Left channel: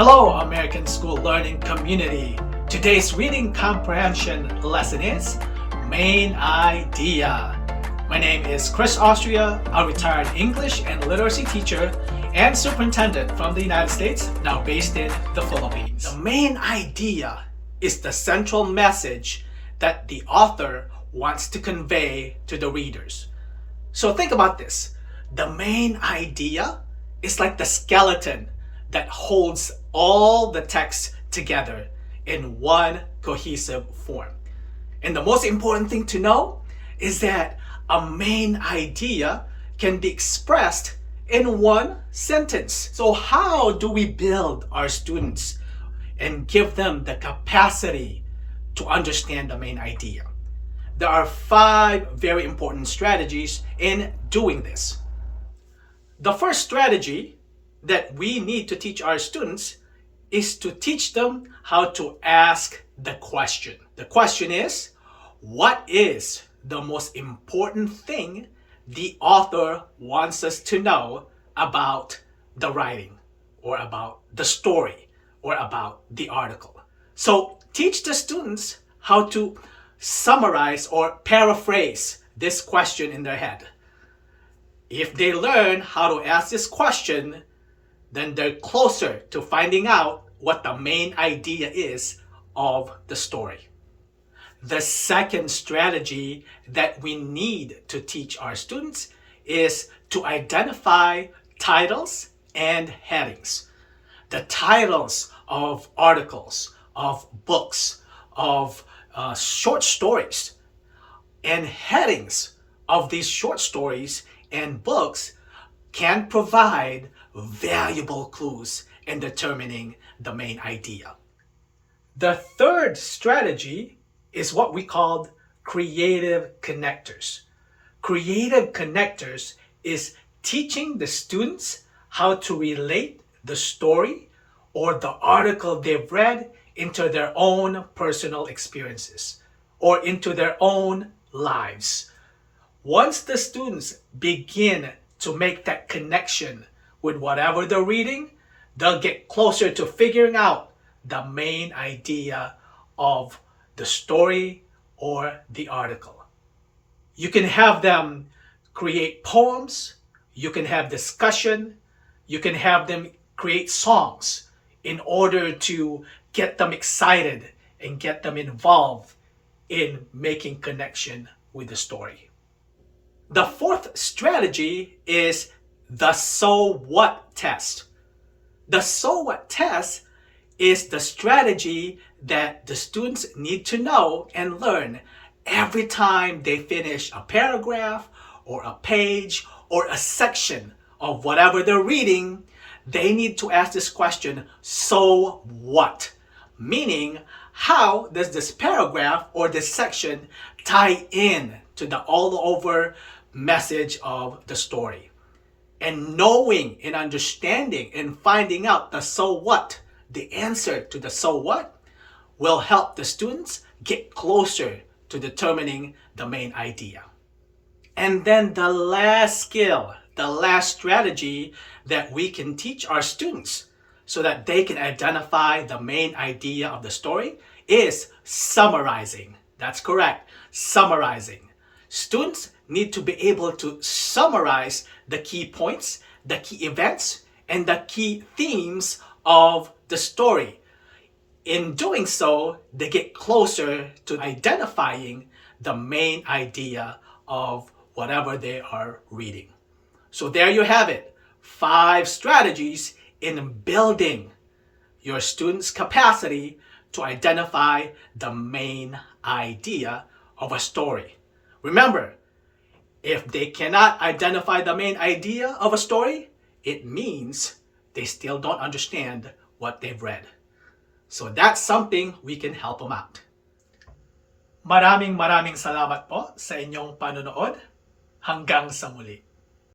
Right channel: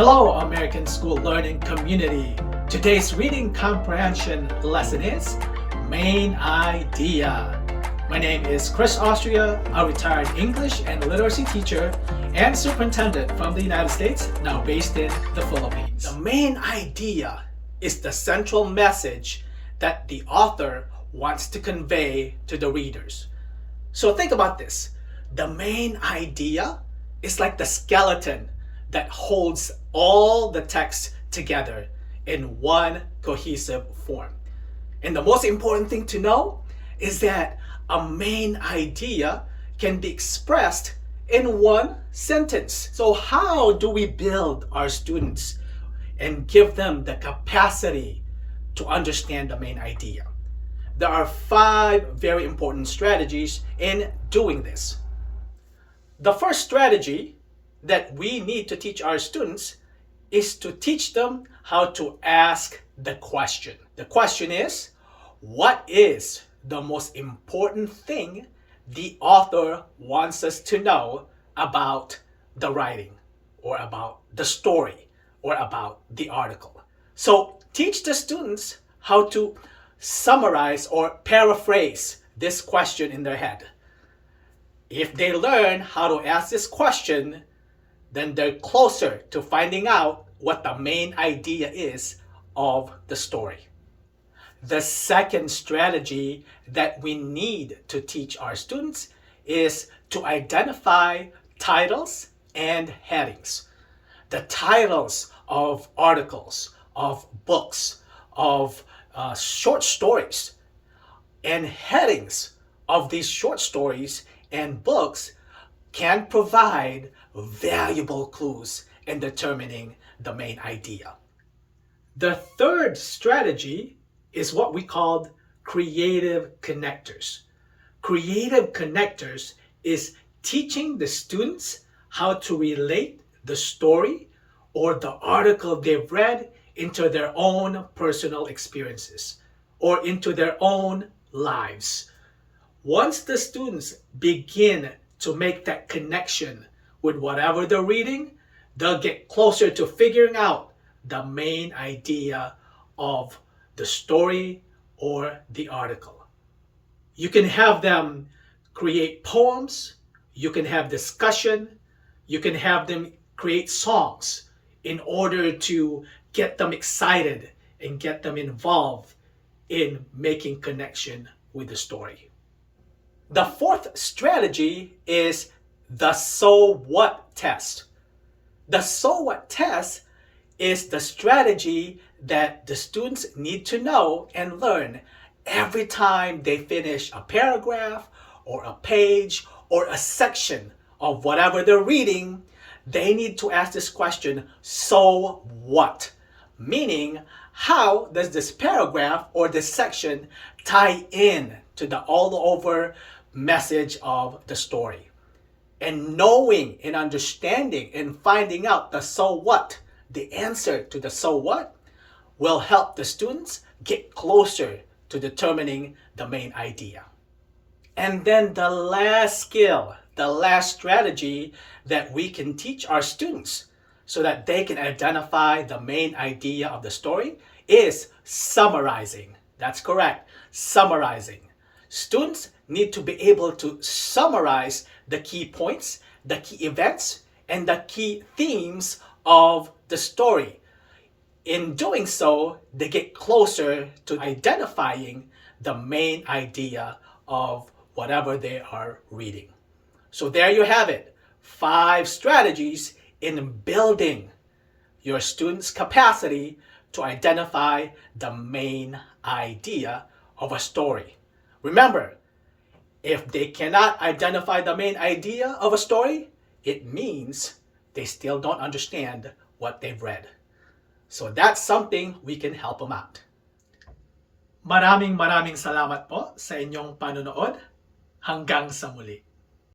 Hello, American School Learning Community. Today's reading comprehension lesson is Main Idea. My name is Chris Austria, a retired English and literacy teacher and superintendent from the United States, now based in the Philippines. The main idea is the central message that the author wants to convey to the readers. So think about this. The main idea is like the skeleton that holds all the text together in one cohesive form. And the most important thing to know is that a main idea can be expressed in one sentence. So how do we build our students and give them the capacity to understand the main idea? There are 5 very important strategies in doing this. The first strategy that we need to teach our students is to teach them how to ask the question. The question is, what is the most important thing the author wants us to know about the writing, or about the story, or about the article? So teach the students how to summarize or paraphrase this question in their head. If they learn how to ask this question, then they're closer to finding out what the main idea is of the story. The second strategy that we need to teach our students is to identify titles and headings. The titles of articles, of books, of short stories, and headings of these short stories and books can provide valuable clues in determining the main idea. The third strategy is what we call creative connectors. Creative connectors is teaching the students how to relate the story or the article they've read into their own personal experiences or into their own lives. Once the students begin to make that connection with whatever they're reading, they'll get closer to figuring out the main idea of the story or the article. You can have them create poems, you can have discussion, you can have them create songs in order to get them excited and get them involved in making connection with the story. The fourth strategy is the so what test. The so what test is the strategy that the students need to know and learn every time they finish a paragraph or a page or a section of whatever they're reading. They need to ask this question, so what? Meaning, how does this paragraph or this section tie in to the all over message of the story? And knowing and understanding and finding out the so what, the answer to the so what, will help the students get closer to determining the main idea. And then the last skill, the last strategy that we can teach our students so that they can identify the main idea of the story is summarizing. That's correct, summarizing. Students need to be able to summarize the key points, the key events, and the key themes of the story. In doing so, they get closer to identifying the main idea of whatever they are reading. So there you have it, 5 strategies in building your students' capacity to identify the main idea of a story. Remember, if they cannot identify the main idea of a story, it means they still don't understand what they've read. So that's something we can help them out. Maraming salamat po sa inyong panonood. Hanggang sa muli.